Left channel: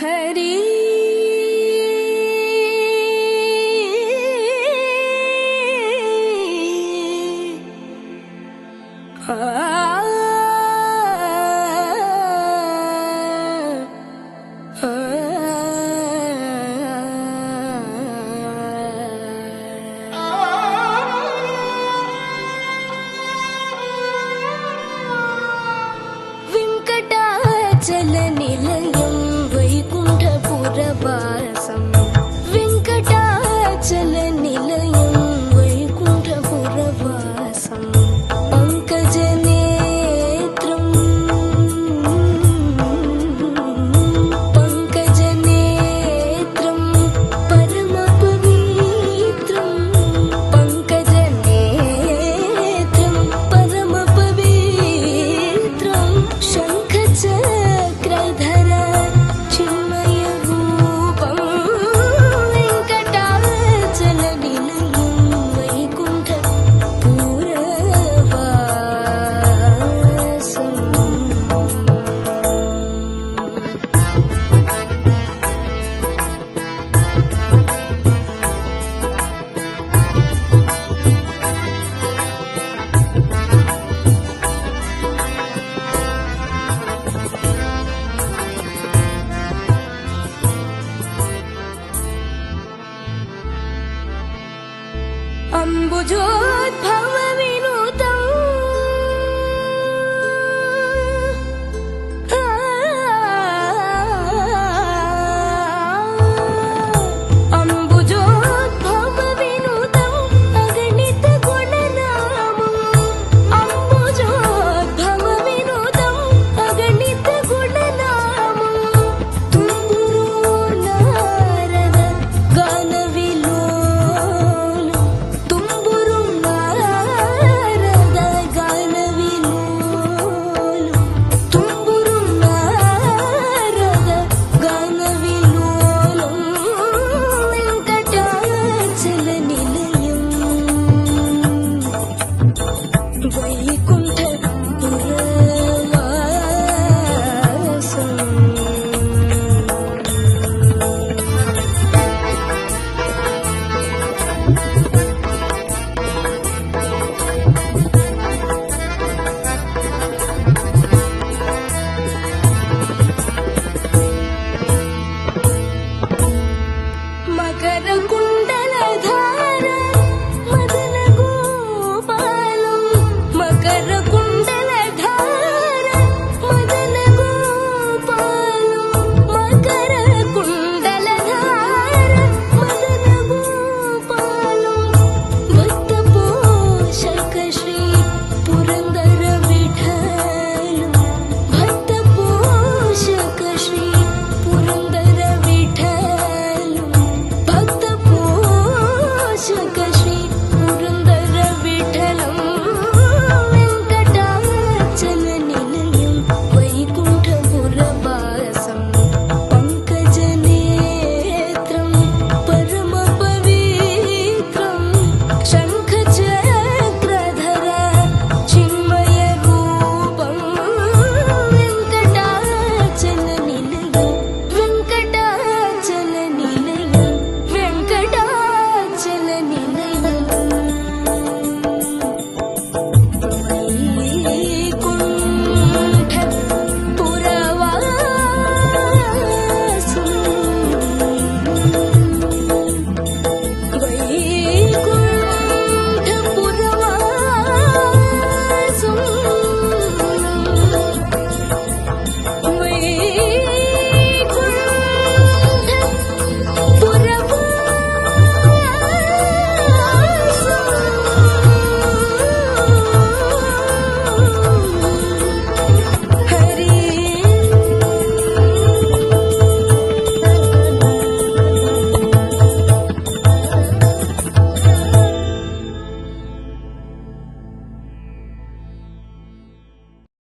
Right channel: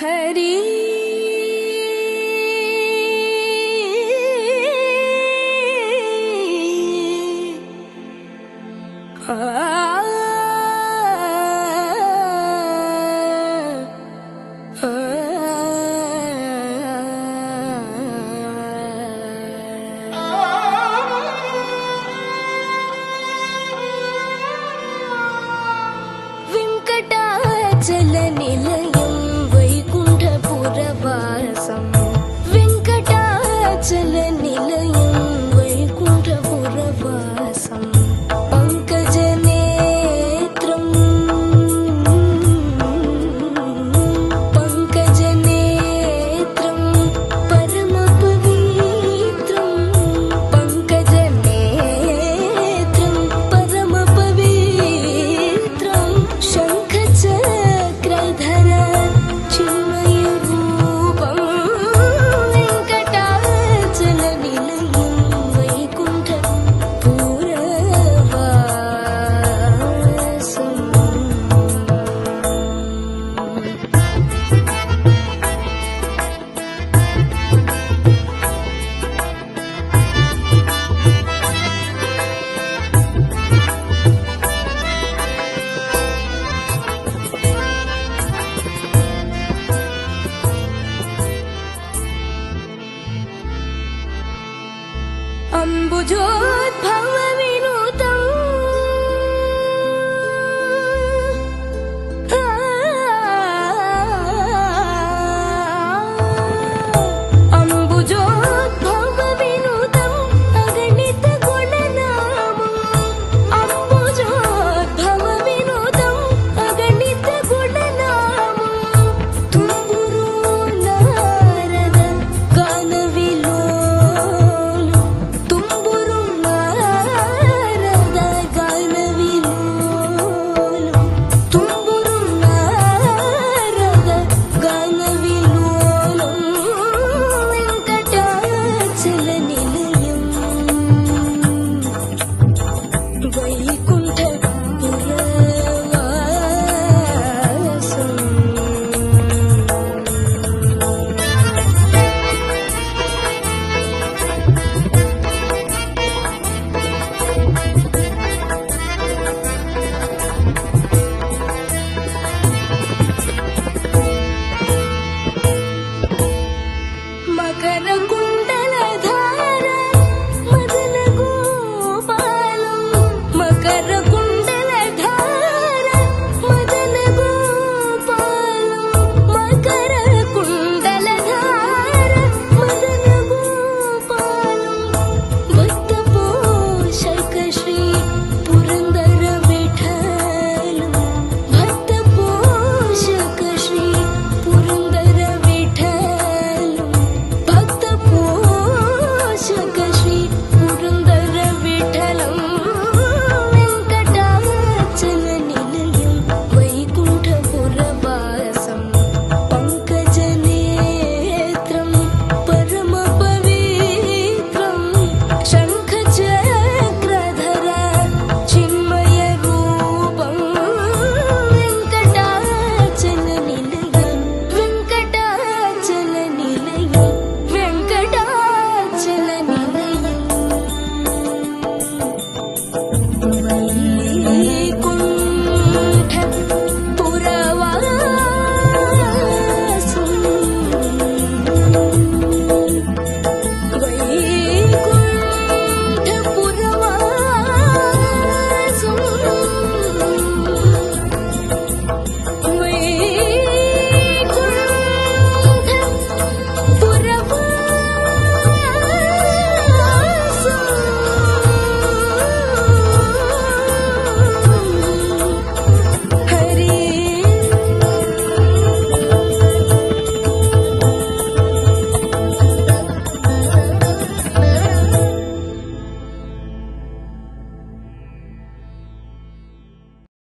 हरी वेंकटाचल निलयं वैकुंठपुरवासं वेंकटाचल निलयं वैकुंठपुरवासं पंकजनेत्रं परमपवित्रं पंकजनेत्रं परमपवित्रं शंखचक्रधर चिन्मय रूपं वेंकटाचल निलयं वैकुंठपुरवासं अम्बुजोद्भव विनुतम् अम्बुजोद्भव विनुतम् अगणित गुणनामम् अम्बुजोद्भव विनुतम् अगणित गुणनामम् तुम्बुरु नारद गानविलोल तुम्बुरु नारद गानविलोल तुम्बुरु नारद गानविलोल वेंकटाचल निलयं वैकुंठपुरवासं मकर कुंडलधार मदन गोपालं मकर कुंडलधार मदन गोपालं मकर कुंडलधार मदन गोपालं भक्तपोषक श्री पुरंदर विठ्ठल भक्तपोषक श्री